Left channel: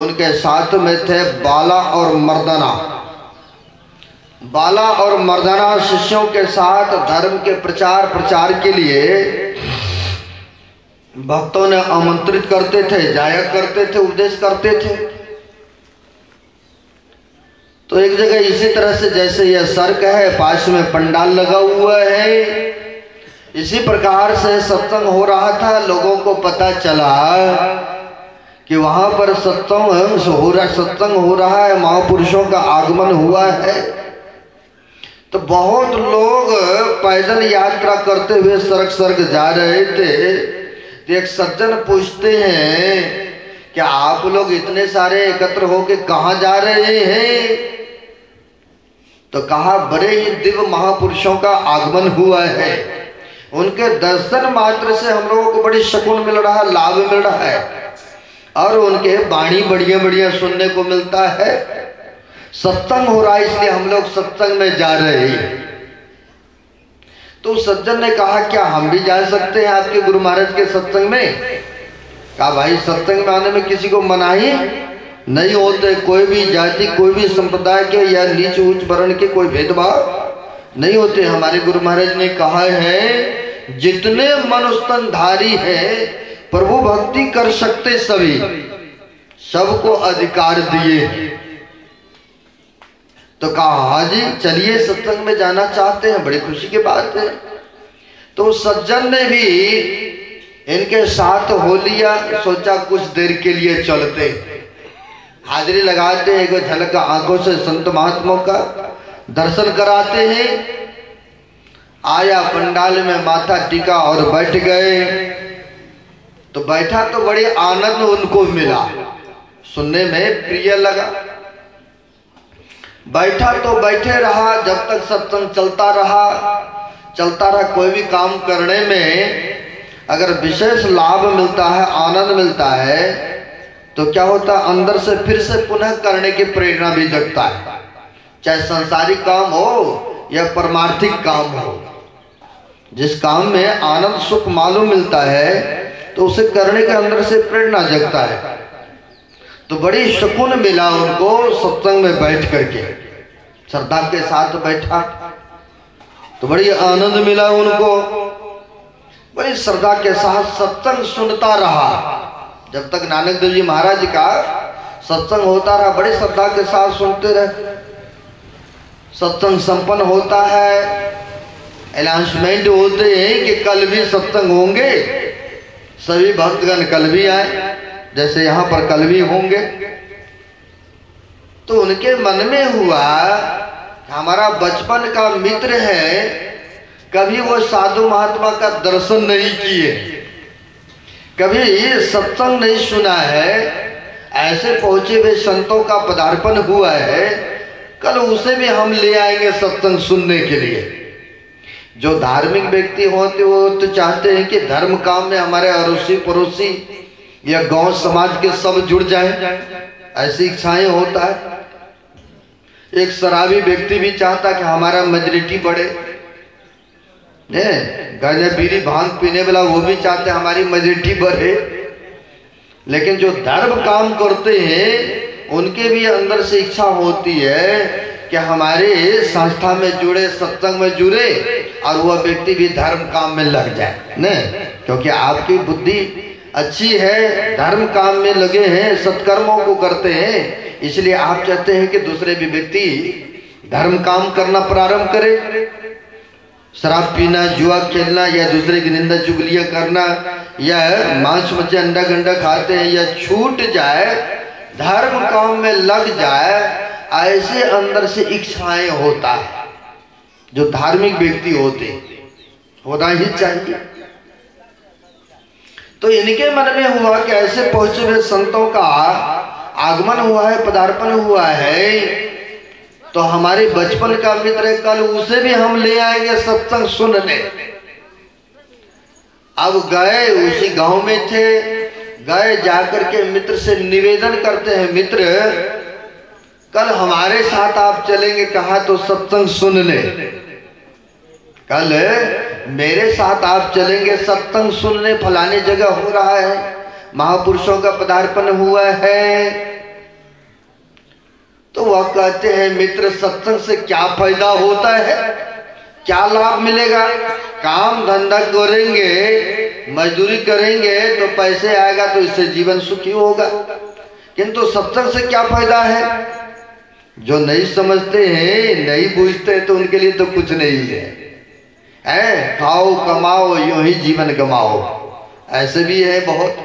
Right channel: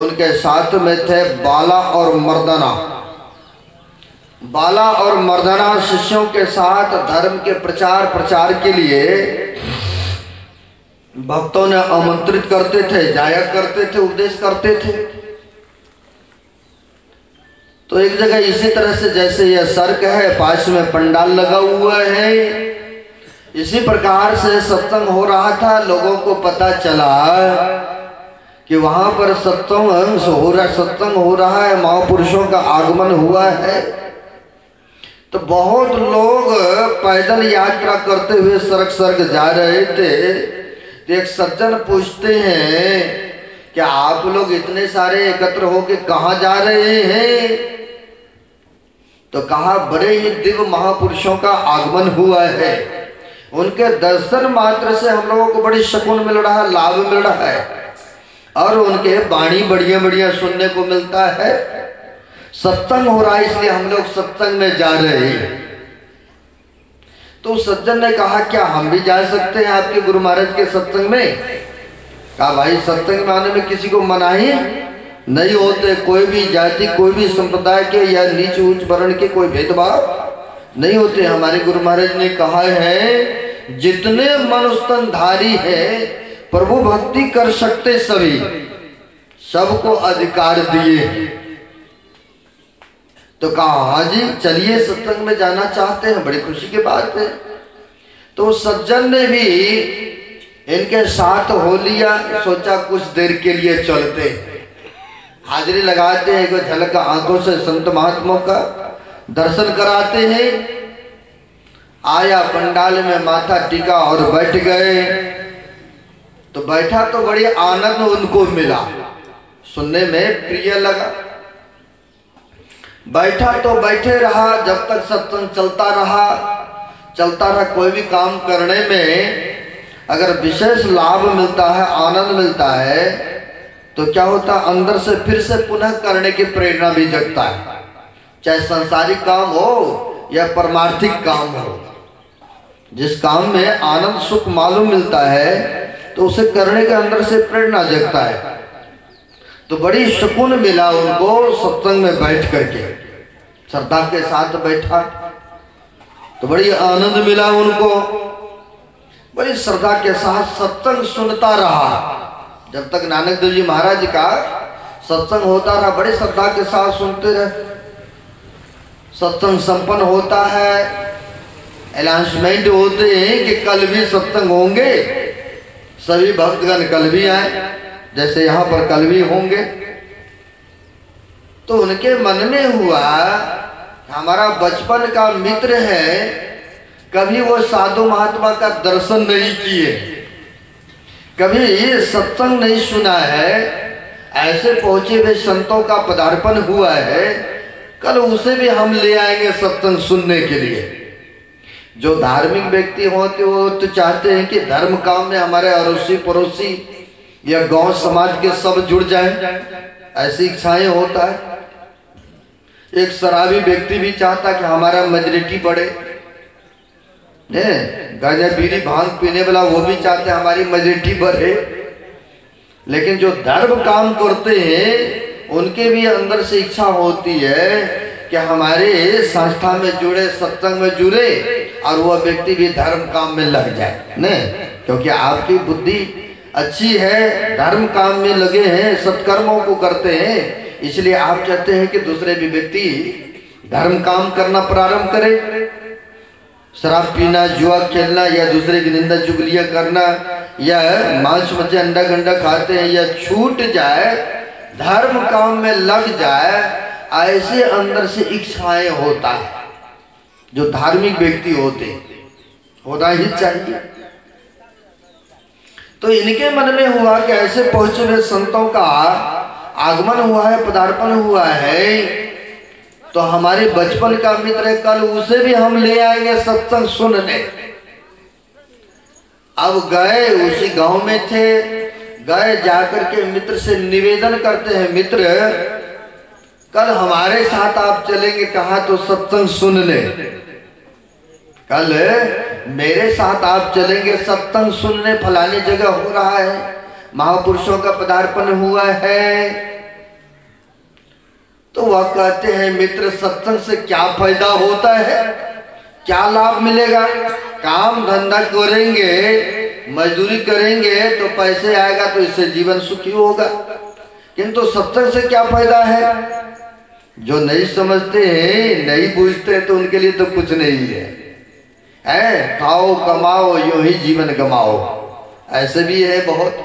उनके साथ में थे बाला और मर्दाना। बाला और मर्दाना शिष्यों के साथ धर्म के प्रचार के लिए भक्तों ने आमंत्रित करते थे, जाया करते थे, उपदेश करते थे। तो एक जगह इसी तरह से जैसे यह सड़क है, पास में पंडाल लगा हुआ है, इसी प्रकार से सत्संग हो रहा था। लोगों को पता चला कि वहां पर सत्संग हो रहा है, महापुरुषों का आगमन हुआ है। तो बहुत लोग पैदल यात्रा करते हुए सड़क जा रहे थे। तो एक सज्जन पूछते हैं कि आप लोग इतने सारे एकत्र होके कहाँ जा रहे हैं? तो कहा बड़े ही दिव्य महापुरुषों का आगमन हुआ है, उनके दर्शन मात्र से हम लोगों को बड़ी सुकून मिल रहा है, लाभ मिल रहा है, और उनके वाणी बढ़िया बढ़िया सुनने को मिलता है। सत्संग हो रहा है, इसलिए हम लोग सत्संग में जा रहे हैं। तो सज्जन ने कहा क्या हम भी जा सकते हैं आपके गुरु महाराज के सत्संग में? कहा भाई सत्संग में आने में किसी को मनाही नहीं होते। कोई भी जाति, कोई भी संप्रदाय के या नीच ऊंच वर्ण के कोई भेदभाव नहीं होते। हमारे गुरु महाराज ने कहा है जितने मनुष्यधारी है प्रभु भक्ति कर सकते सभी, सबको अधिकार दिए। तो कहा हाँ जी चलिए सत्संग में जाना चाहते हैं, बड़ी खुशी की बात है। तो सज्जन ने भी इनके साथ हो लिया, सोचा कुछ देर के लिए चलते, हाजिरी लगाते हैं, एक झलक आंखों से संत महात्माओं का दर्शन कराते हैं। आया पंडाल में माथा टिका और बैठ गए। तो बैठा तो बड़ी आनंद उनको मिला, सुनने में प्रिय लगा। बैठा तो बैठे रहा, जब तक सत्संग चलता रहा। कोई भी काम करने में अगर विशेष लाभ मिलता है, आनंद मिलता है, तो क्या होता है अंदर से फिर से पुनः करने की प्रेरणा भी जगता है। चाहे सांसारिक काम हो या परमार्थिक काम हो, जिस काम में आनंद सुख मालूम मिलता है तो उसे करने के अंदर से प्रेरणा जगता है। तो बड़ी सुकून मिला उनको सत्संग में बैठ करके, श्रद्धा के साथ बैठा तो बड़ी आनंद मिला उनको। बड़ी श्रद्धा के साथ सत्संग सुनता रहा जब तक नानक देव जी महाराज का सत्संग होता रहा। बड़े श्रद्धा के साथ सुनते रहे। सत्संग संपन्न होता है, अनाउंसमेंट होते हैं कि कल भी सत्संग होंगे, सभी भक्तगण कल भी आए, जैसे यहाँ पर कल भी होंगे। तो उनके मन में हुआ हमारा बचपन का मित्र है, कभी वो साधु महात्मा का दर्शन नहीं किए, कभी ये सत्संग नहीं सुना है, ऐसे पहुंचे हुए संतों का पदार्पण हुआ है, कल उसे भी हम ले आएंगे सत्संग सुनने के लिए। जो धार्मिक व्यक्ति होते वो तो चाहते हैं कि धर्म काम में हमारे अड़ोसी पड़ोसी या गांव समाज के सब जुड़ जाएं, ऐसी इच्छाएं होता है। एक शराबी व्यक्ति भी चाहता कि हमारा मेजॉरिटी बढ़े, गांजा बीड़ी भांग पीने वाला वो भी चाहते हमारी मेजॉरिटी बढ़े। लेकिन जो धर्म काम करते हैं उनके भी अंदर से इच्छा होती है कि हमारे संस्था में जुड़े, सत्संग में जुड़े, और वह व्यक्ति भी धर्म काम में लग जाए न, क्योंकि आपकी बुद्धि अच्छी है, धर्म काम में लगे हैं, सत्कर्मों को करते हैं, इसलिए आप चाहते हैं कि दूसरे भी व्यक्ति धर्म काम करना प्रारंभ करे। शराब पीना, जुआ खेलना या दूसरे की निंदा चुगलियां करना या मांस मच्छी अंडा गंडा खाते हैं या छूट जाए, धर्म काम में लग जाए, ऐसे अंदर से इच्छाएं होता है। जो धार्मिक व्यक्ति होते होना ही चाहिए। तो इनके मन में हुआ कि ऐसे पहुंचे हुए संतों का आगमन हुआ है, पदार्पण हुआ है, तो हमारे बचपन का मित्र कल उसे भी हम ले आएंगे सत्संग सुनने। अब गए, उसी गांव में थे, गए, जाकर के मित्र से निवेदन करते हैं, मित्र कल हमारे साथ आप चलेंगे कहा तो सत्संग सुन ले, कल मेरे साथ आप चलेंगे सत्संग सुनने, फलाने जगह हो रहा है, महापुरुषों का पदार्पण हुआ है, मित्र सत्संग से क्या फायदा होता है, क्या लाभ मिलेगा? काम धंधा करेंगे, मजदूरी करेंगे तो पैसे आएगा, तो इससे जीवन सुखी होगा। किंतु सत्संग से क्या फायदा है? जो नहीं समझते हैं, नहीं बूझते हैं, तो उनके लिए तो कुछ नहीं है। खाओ कमाओ यूं ही जीवन गमाओ, ऐसे भी है बहुत।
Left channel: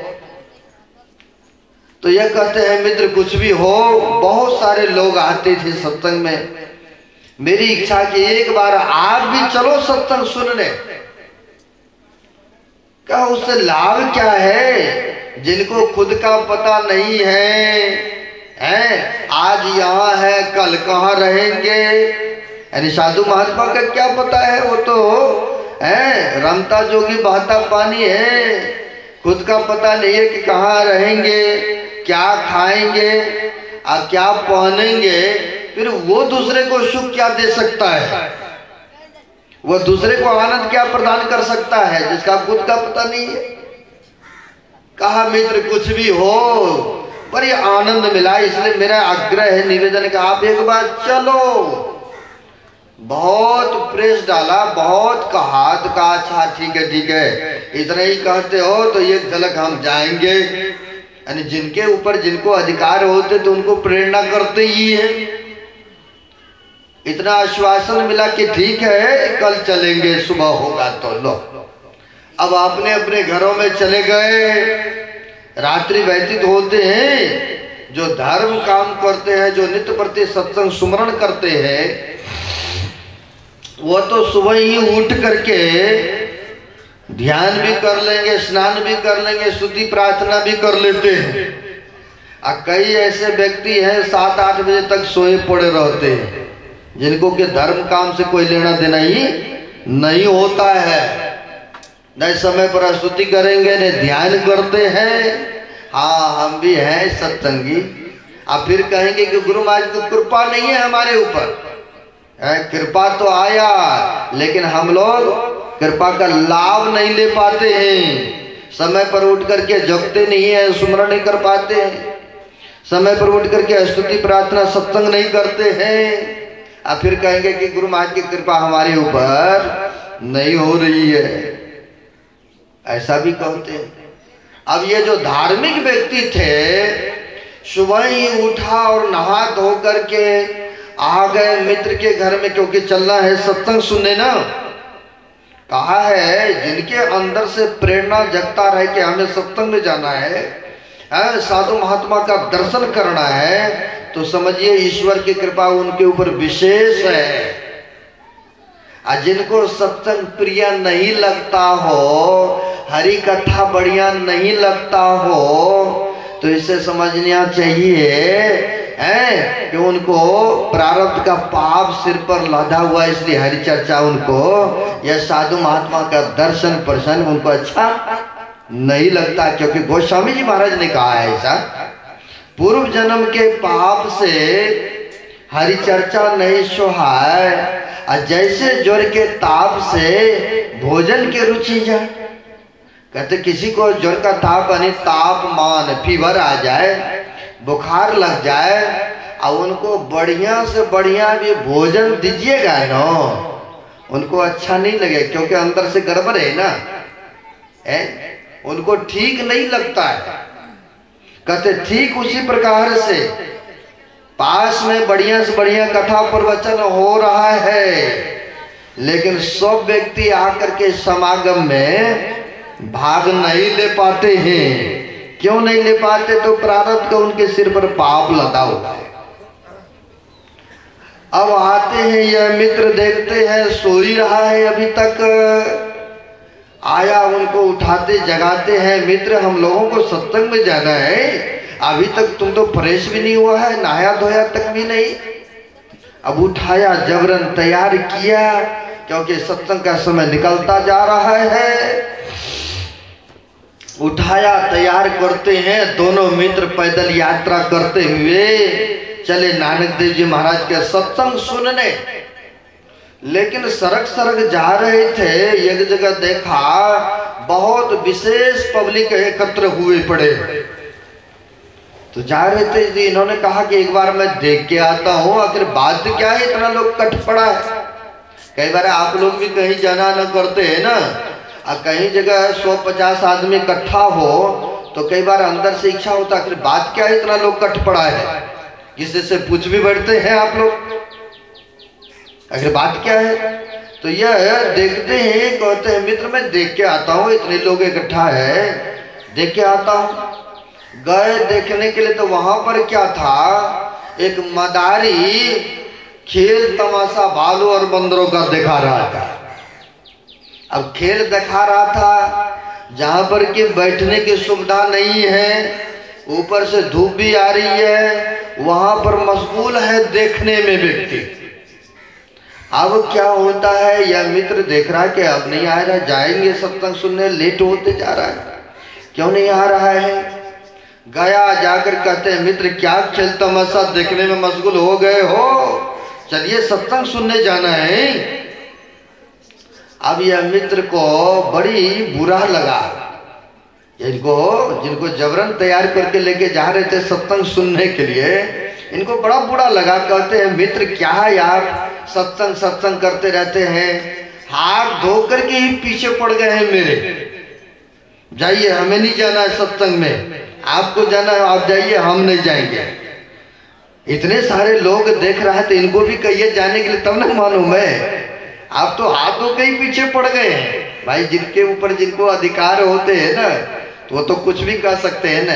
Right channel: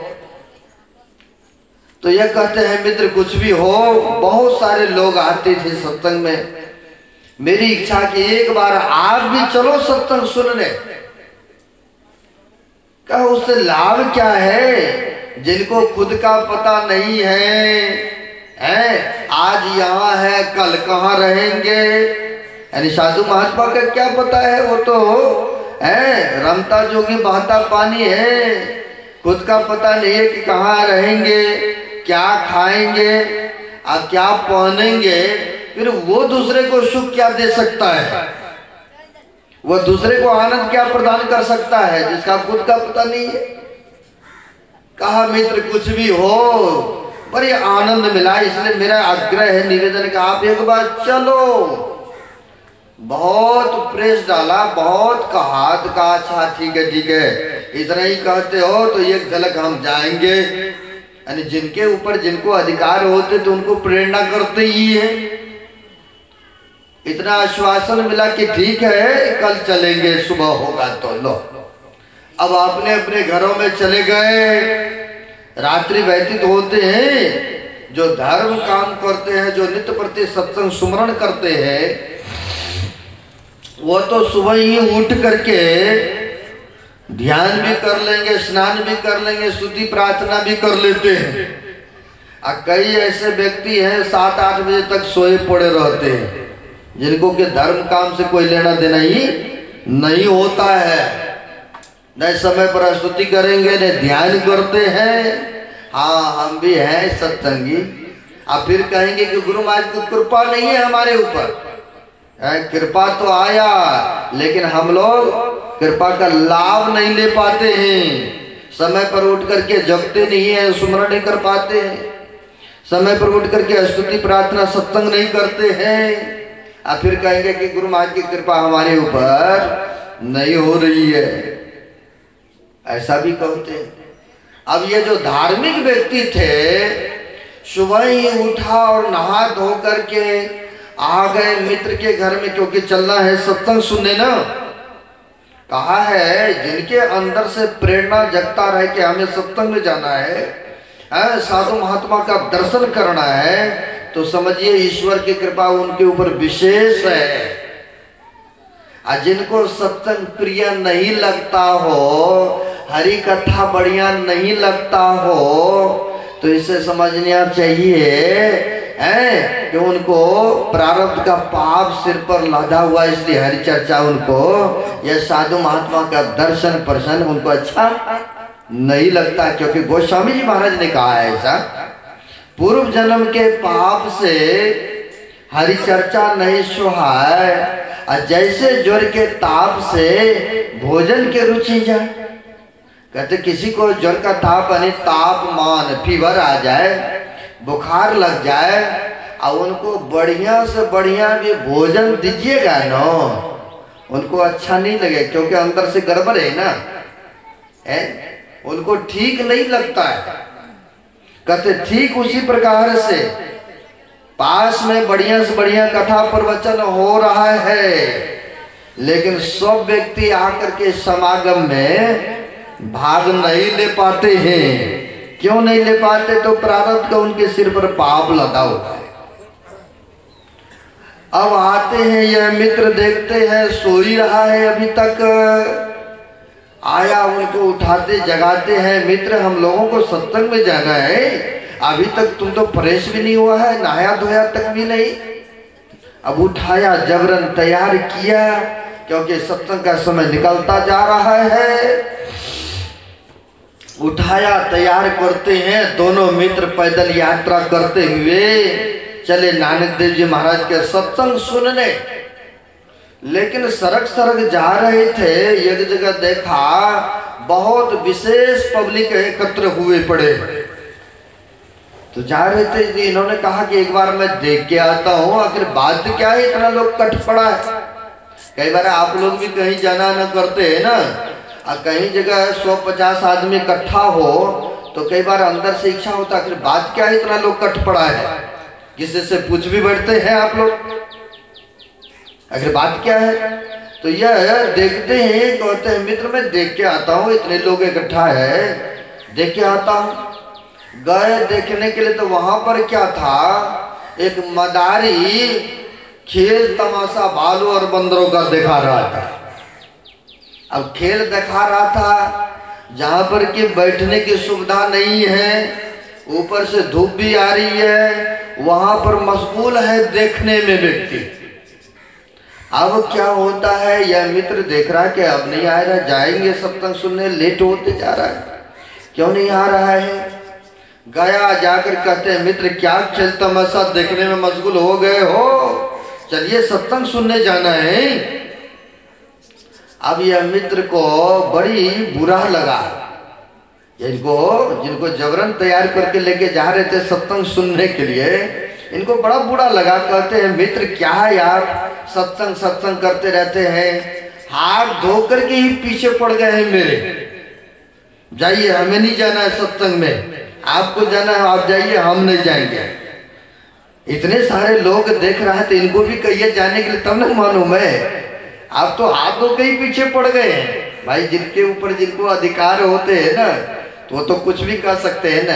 तो यह कहते हैं मित्र कुछ भी हो, बहुत सारे लोग आते थे सत्संग में। मेरी इच्छा कि एक बार आप भी चलो सत्संग सुनने। कहा उससे लाभ क्या है? जिनको खुद का पता नहीं है, आज यहाँ है कल कहाँ रहेंगे, यानी साधु महात्मा का क्या पता है? वो तो रमता जोगी बहता पानी है, खुद का पता नहीं है कि कहाँ रहेंगे, क्या खाएंगे और क्या पहनेंगे। फिर वो दूसरे को सुख क्या दे सकता है? वो दूसरे को आनंद क्या प्रदान कर सकता है जिसका खुद का पता नहीं है? कहा मित्र कुछ भी हो पर ये आनंद मिला, इसलिए मेरा आग्रह है, निवेदन का आप एक बार चलो। बहुत प्रेस डाला, बहुत कहा, तो कहा अच्छा ठीक है, इतना ही कहते हो तो एक झलक हम जाएंगे। यानी जिनके ऊपर जिनको अधिकार होते तो उनको प्रेरणा करते ही है। इतना आश्वासन मिला कि ठीक है कल चलेंगे, सुबह होगा तो लो। अब अपने अपने घरों में चले गए। रात्रि व्यतीत होते हैं। जो धर्म काम करते हैं, जो नित्य प्रति सत्संग सुमरण करते हैं, वो तो सुबह ही उठ करके ध्यान भी कर लेंगे, स्नान भी कर लेंगे, स्तुति प्रार्थना भी कर लेते हैं। और कई ऐसे व्यक्ति हैं 7-8 बजे तक सोए पड़े रहते हैं, जिनको के धर्म काम से कोई लेना देना ही नहीं होता है। न समय पर स्तुति करेंगे, न ध्यान करते हैं। हाँ हम भी हैं सत्संगी। अब फिर कहेंगे कि गुरु महाराज को कृपा नहीं है हमारे ऊपर। कृपा तो आया, लेकिन हम लोग कृपा का लाभ नहीं ले पाते हैं। समय पर उठ करके जगते नहीं है, सुमरण नहीं कर पाते हैं। समय पर उठ करके स्तुति प्रार्थना सत्संग नहीं करते हैं। अब फिर कहेंगे कि गुरु महाराज की कृपा हमारे ऊपर नहीं हो रही है, ऐसा भी कहते हैं। अब ये जो धार्मिक व्यक्ति थे, सुबह ही उठा और नहा धो करके आ गए मित्र के घर में, क्योंकि चलना है सत्संग सुनने ना। कहा है जिनके अंदर से प्रेरणा जगता रहे कि हमें सत्संग में जाना है, साधु महात्मा का दर्शन करना है, तो समझिए ईश्वर की कृपा उनके ऊपर विशेष है। जिनको सत्संग प्रिय नहीं लगता हो, हरि कथा बढ़िया नहीं लगता हो, तो इसे समझना चाहिए कि उनको प्रारब्ध का पाप सिर पर लादा हुआ, इसलिए हरि चर्चा उनको या साधु महात्मा का दर्शन प्रसन्न उनको अच्छा नहीं लगता। क्योंकि गोस्वामी जी महाराज ने कहा है ऐसा, पूर्व जन्म के पाप से हरि चर्चा नहीं सुहाए, जैसे ज्वर के ताप से भोजन के रुचि जाए। कहते किसी को ज्वर का ताप यानी तापमान फीवर आ जाए, बुखार लग जाए, और उनको बढ़िया से बढ़िया भी भोजन दीजिएगा ना, उनको अच्छा नहीं लगे, क्योंकि अंदर से गड़बड़ है ना, उनको ठीक नहीं लगता है। कहते ठीक उसी प्रकार से पास में बढ़िया से बढ़िया कथा प्रवचन हो रहा है, लेकिन सब व्यक्ति आकर के समागम में भाग नहीं ले पाते हैं। क्यों नहीं ले पाते? तो प्रारब्ध का उनके सिर पर पाप लगा हुआ है। अब आते हैं यह मित्र, देखते हैं सो ही रहा है अभी तक। आया, उनको उठाते जगाते हैं, मित्र हम लोगों को सत्संग में जाना है, अभी तक तुम तो फ्रेश भी नहीं हुआ है, नहाया धोया तक भी नहीं। अब उठाया, जबरन तैयार किया, क्योंकि सत्संग का समय निकलता जा रहा है। उठाया, तैयार करते हैं, दोनों मित्र पैदल यात्रा करते हुए चले नानक देव जी महाराज के सत्संग सुनने। लेकिन सड़क सड़क जा रहे थे, एक जगह देखा बहुत विशेष पब्लिक एकत्र हुए पड़े। तो जा रहे थे जी, इन्होंने कहा कि एक बार मैं देख के आता हूँ, आखिर बात क्या है, इतना लोग कट पड़ा है। कई बार आप लोग भी कहीं जाना न करते हैं ना, कहीं जगह 150 आदमी इकट्ठा हो तो कई बार अंदर से इच्छा होता है, आखिर बात क्या है, इतना लोग कट पड़ा है। किसी से पूछ भी बैठते हैं आप लोग, आखिर बात क्या है। तो यह देखते हैं, कहते हैं मित्र मैं देख के आता हूँ, इतने लोग इकट्ठा है, देख के आता हूँ। गए देखने के लिए, तो वहां पर क्या था, एक मदारी खेल तमाशा भालू और बंदरों का दिखा रहा था। अब खेल दिखा रहा था जहां पर कि बैठने की सुविधा नहीं है, ऊपर से धूप भी आ रही है, वहां पर मशगूल है देखने में व्यक्ति। अब क्या होता है, यह मित्र देख रहा है कि अब नहीं आ रहा, जाएंगे सत्संग सुनने, लेट होते जा रहा है, क्यों नहीं आ रहा है। गया, जाकर कहते हैं मित्र क्या खेल तमाशा देखने में मशगूल हो गए हो, चलिए सत्संग सुनने जाना है। अब यह मित्र को बड़ी बुरा लगा, जिनको जबरन तैयार करके लेके जा रहे थे सत्संग सुनने के लिए, इनको बड़ा बुरा लगा। कहते हैं मित्र क्या है यार, सत्संग करते रहते हैं, हाथ धोकर के ही पीछे पड़ गए हैं मेरे, जाइए हमें नहीं जाना है सत्संग में, आपको जाना है आप जाइए, हम नहीं जाएंगे। इतने सारे लोग देख रहे हैं तो इनको भी कहिए जाने के लिए, तब न मालूम है। आप तो हाथ धो के ही पीछे पड़ गए हैं भाई, जिनके ऊपर जिनको अधिकार होते हैं ना, तो वो तो कुछ भी कर सकते हैं ना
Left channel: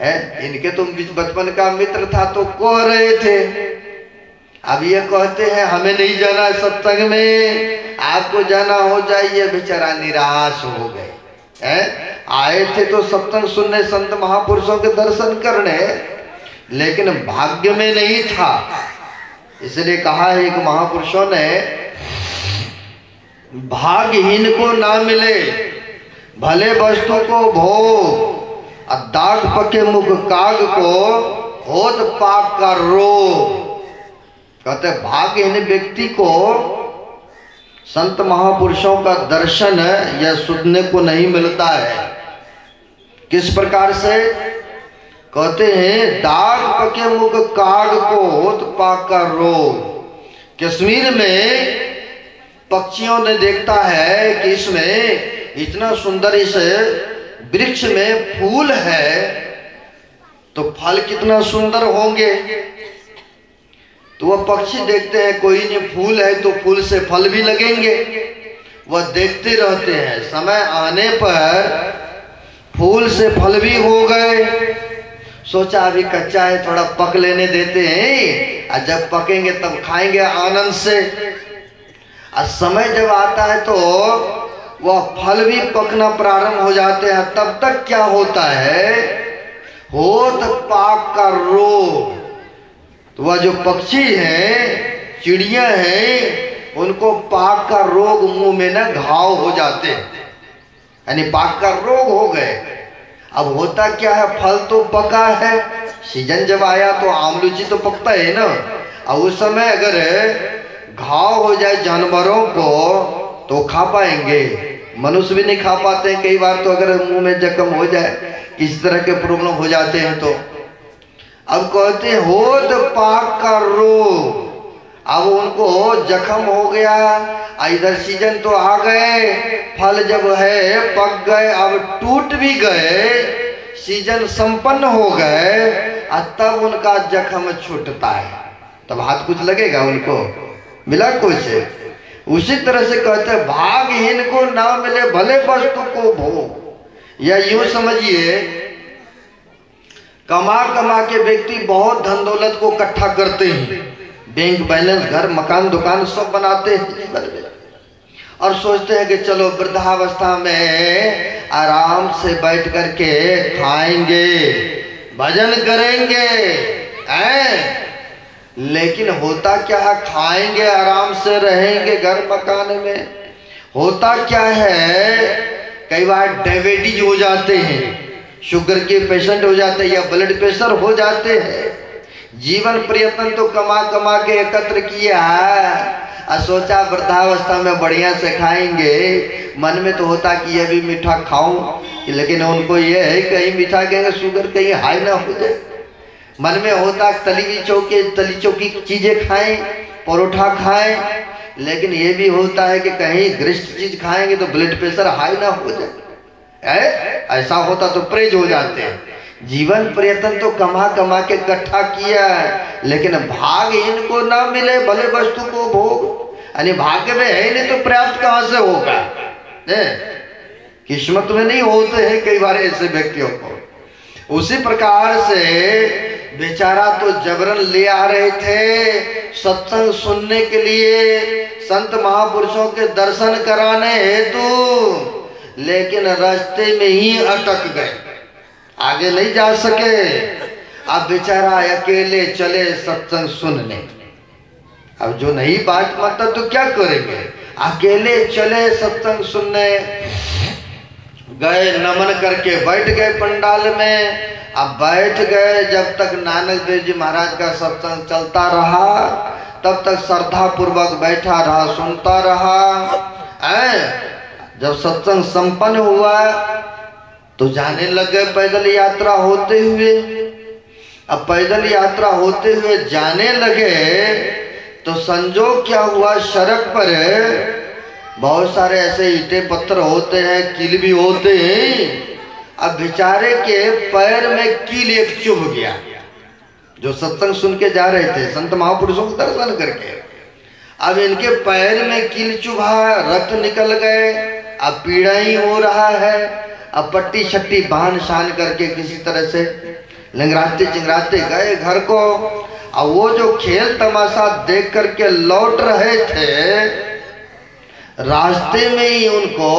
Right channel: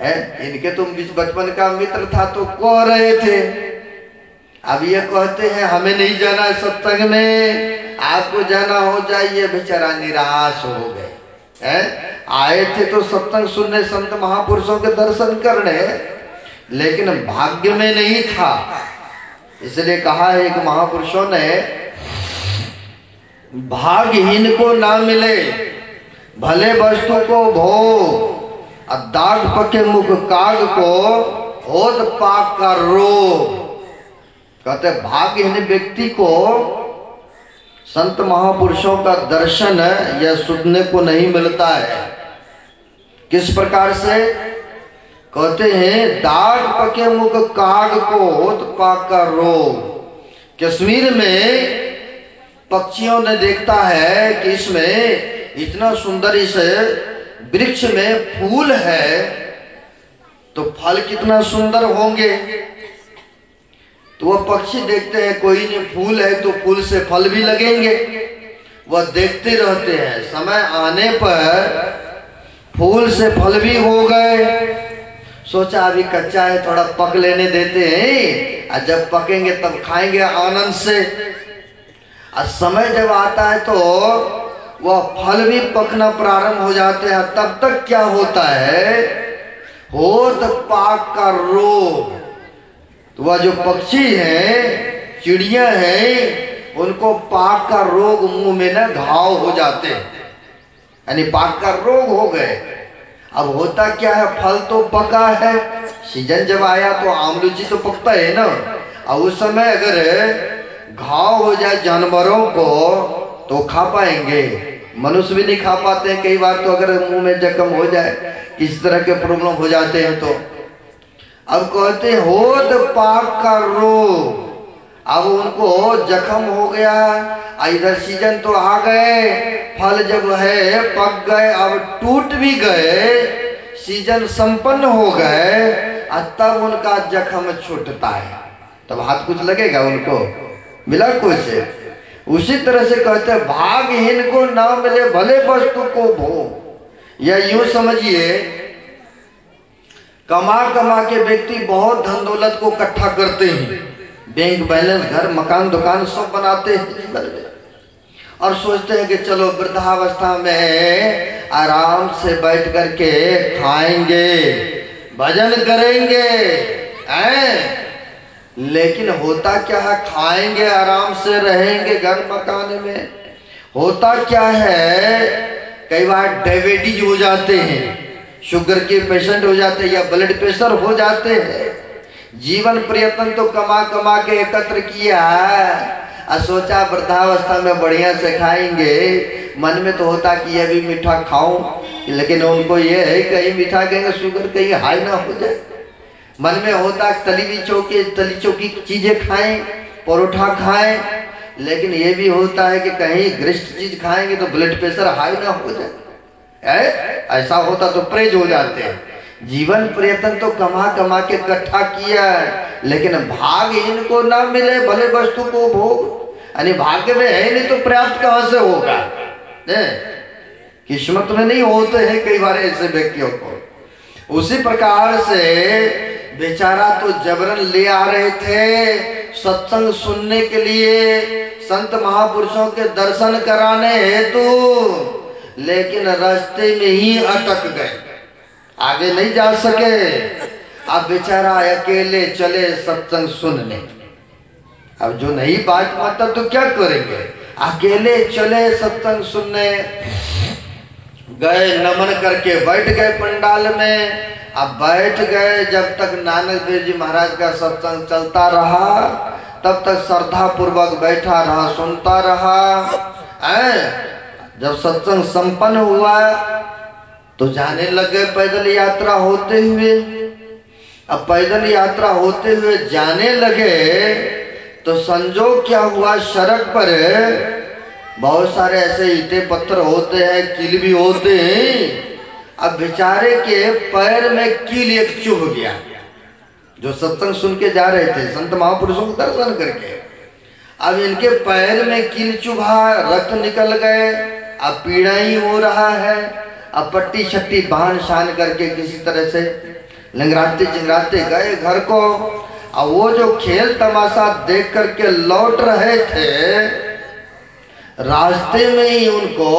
है। इनके तो बचपन का मित्र था तो कह रहे थे, अब ये कहते हैं हमें नहीं जाना सत्संग में, आपको जाना हो जाइए। बेचारा निराश हो गए हैं, आए थे तो सत्संग सुनने, संत महापुरुषों के दर्शन करने, लेकिन भाग्य में नहीं था। इसलिए कहा है एक महापुरुषों ने, भाग्यहीन को ना मिले भले वस्तु को भोग, दाग पके मुख काग को होत पाक का रोग। कहते भाग्यहीन व्यक्ति को संत महापुरुषों का दर्शन या सुनने को नहीं मिलता है। किस प्रकार से, कहते हैं दाग पके मुख काग को होत पाक का रोग। कश्मीर में पक्षियों ने देखता है कि इसमें इतना सुंदर इस वृक्ष में फूल है, तो फल कितना सुंदर होंगे। तो वह पक्षी देखते हैं कोई नहीं, फूल है तो फूल से फल भी लगेंगे, वह देखते रहते हैं। समय आने पर फूल से फल भी हो गए, सोचा अभी कच्चा है थोड़ा पक लेने देते हैं, और जब पकेंगे तब खाएंगे आनंद से। और समय जब आता है तो वह फल भी पकना प्रारंभ हो जाते हैं, तब तक क्या होता है, होत पाक का रोग। तो वह जो पक्षी है, चिड़िया है, उनको पाक का रोग, मुंह में ना घाव हो जाते हैं, यानी पाक का रोग हो गए। अब होता क्या है, फल तो पका है, सीजन जब आया तो आम लीची तो पकता है ना, और उस समय अगर घाव हो जाए जानवरों को तो खा पाएंगे, मनुष्य भी नहीं खा पाते हैं कई बार। तो अगर मुंह में जख्म हो जाए, किसी तरह के प्रॉब्लम हो जाते हैं तो अब कहते होत पाक का रोग। अब उनको जख्म हो गया, इधर सीजन तो आ गए, फल जब है पक गए, अब टूट भी गए, सीजन संपन्न हो गए, तब उनका जख्म छूटता है, तब हाथ कुछ लगेगा उनको, मिला कुछ। उसी तरह से कहते हैं भाग्यहीन को ना मिले भले वस्तु को भोग। या यूं समझिए, कमा कमा के व्यक्ति बहुत धन दौलत को इकट्ठा करते हैं, बैंक बैलेंस, घर मकान दुकान सब बनाते हैं, और सोचते हैं कि चलो वृद्धावस्था में आराम से बैठ करके खाएंगे, भजन करेंगे, लेकिन होता क्या है, खाएंगे आराम से, रहेंगे घर मकान में, होता क्या है, कई बार डायबिटीज हो जाते हैं, शुगर के पेशेंट हो जाते हैं, या ब्लड प्रेशर हो जाते हैं। जीवन प्रयत्न तो कमा कमा के एकत्र किया, और सोचा वृद्धावस्था में बढ़िया से खाएंगे, मन में तो होता कि यह भी मीठा खाऊं, लेकिन उनको ये है कहीं मीठा कहेंगे शुगर कहीं हाई ना हो जाए, मन में होता तली चौकी चीजें खाएं, परोठा खाएं, लेकिन ये भी होता है कि कहीं गरिष्ठ चीज खाएंगे तो ब्लड प्रेशर हाई ना हो जाए। ऐसा होता तो प्रेज हो जाते हैं। जीवन प्रयत्न तो कमा कमा के इकट्ठा किया है, लेकिन भाग इनको ना मिले भले वस्तु को भोग, यानी भाग्य में है नहीं तो प्राप्त कहां से होगा? किस्मत में नहीं होते हैं कई बार ऐसे व्यक्तियों को। उसी प्रकार से बेचारा तो जबरन ले आ रहे थे सत्संग सुनने के लिए, संत महापुरुषों के दर्शन कराने हेतु, लेकिन रास्ते में ही अटक गए, आगे नहीं जा सके। अब बेचारा अकेले चले सत्संग सुनने। अब जो नहीं बात मानता तो क्या करेंगे? अकेले चले सत्संग सुनने गए, नमन करके बैठ गए पंडाल में। अब बैठ गए, जब तक नानक देव जी महाराज का सत्संग चलता रहा तब तक श्रद्धा पूर्वक बैठा रहा, सुनता रहा। जब सत्संग संपन्न हुआ तो जाने लगे पैदल यात्रा होते हुए। अब पैदल यात्रा होते हुए जाने लगे तो संजोग क्या हुआ, सड़क पर बहुत सारे ऐसे ईंटे पत्थर होते हैं, कील भी होते हैं। अब बेचारे के पैर में कील एक चुभ गया, जो सत्संग सुन के जा रहे थे संत महापुरुषों के दर्शन करके। अब इनके पैर में कील चुभा, रक्त निकल गए, अब पीड़ा ही हो रहा है। अब पट्टी छट्टी बांध शान करके किसी तरह से लंगराते चिंगराते गए घर को। अब वो जो खेल तमाशा देख करके लौट रहे थे, रास्ते में ही उनको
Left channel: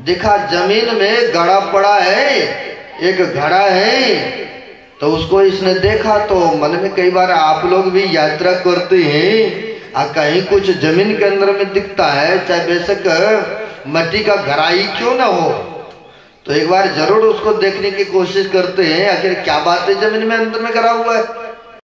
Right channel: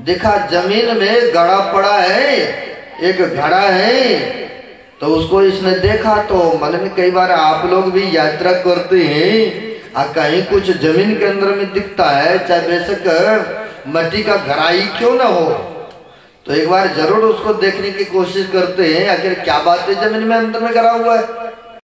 दिखा जमीन में गड़ा पड़ा है, एक घड़ा है। तो उसको इसने देखा तो मन में, कई बार आप लोग भी यात्रा करते हैं, कहीं कुछ जमीन के अंदर में दिखता है, चाहे बेशक मट्टी का घड़ा ही क्यों ना हो, तो एक बार जरूर उसको देखने की कोशिश करते हैं, आखिर क्या बात है जमीन में अंदर में गिरा हुआ है।